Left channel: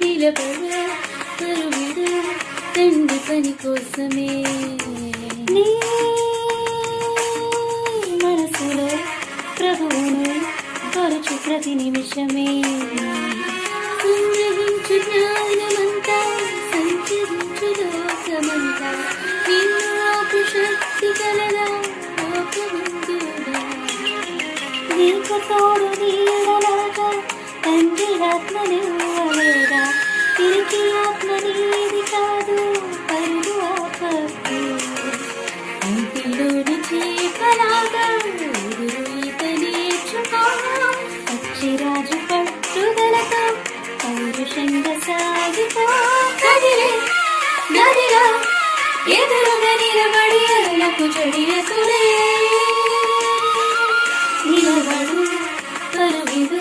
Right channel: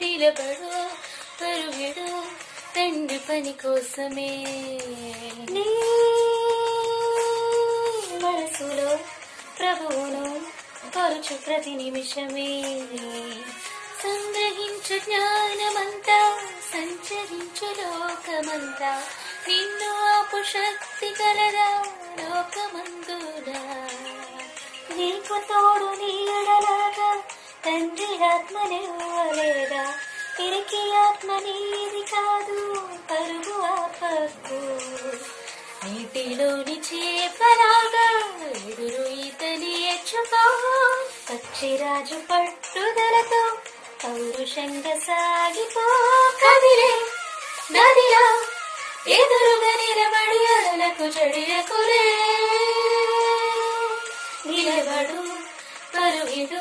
నిలబడ పరువిడ తండ్రి పని కోసమే నీ మనసులో ప్రభువును పరుచు ప్రతి నిమిషమే సంగ్రహించు జ్ఞానమంతా సంచరించు లోకమంతా నిన్ను ఆపు శక్తి కలదా లోకమందుదా నీకు తోడు నీడలాగా తండ్రి ఆత్మనివ్వలేదా తిరిగి ఆత్మ నీది కాదు పరుగు ఆపకు ఇంటిలోని చేపలాగా ఎదురు ఈతని ఎచ్చుకో పచ్చిరాజు పట్టుదలతో పౌరుషంగా సాగిపో కదిలే నదిలా ఎదురుగా నిలబడి అలలకు జడియకులే నిలబడు పరువిడు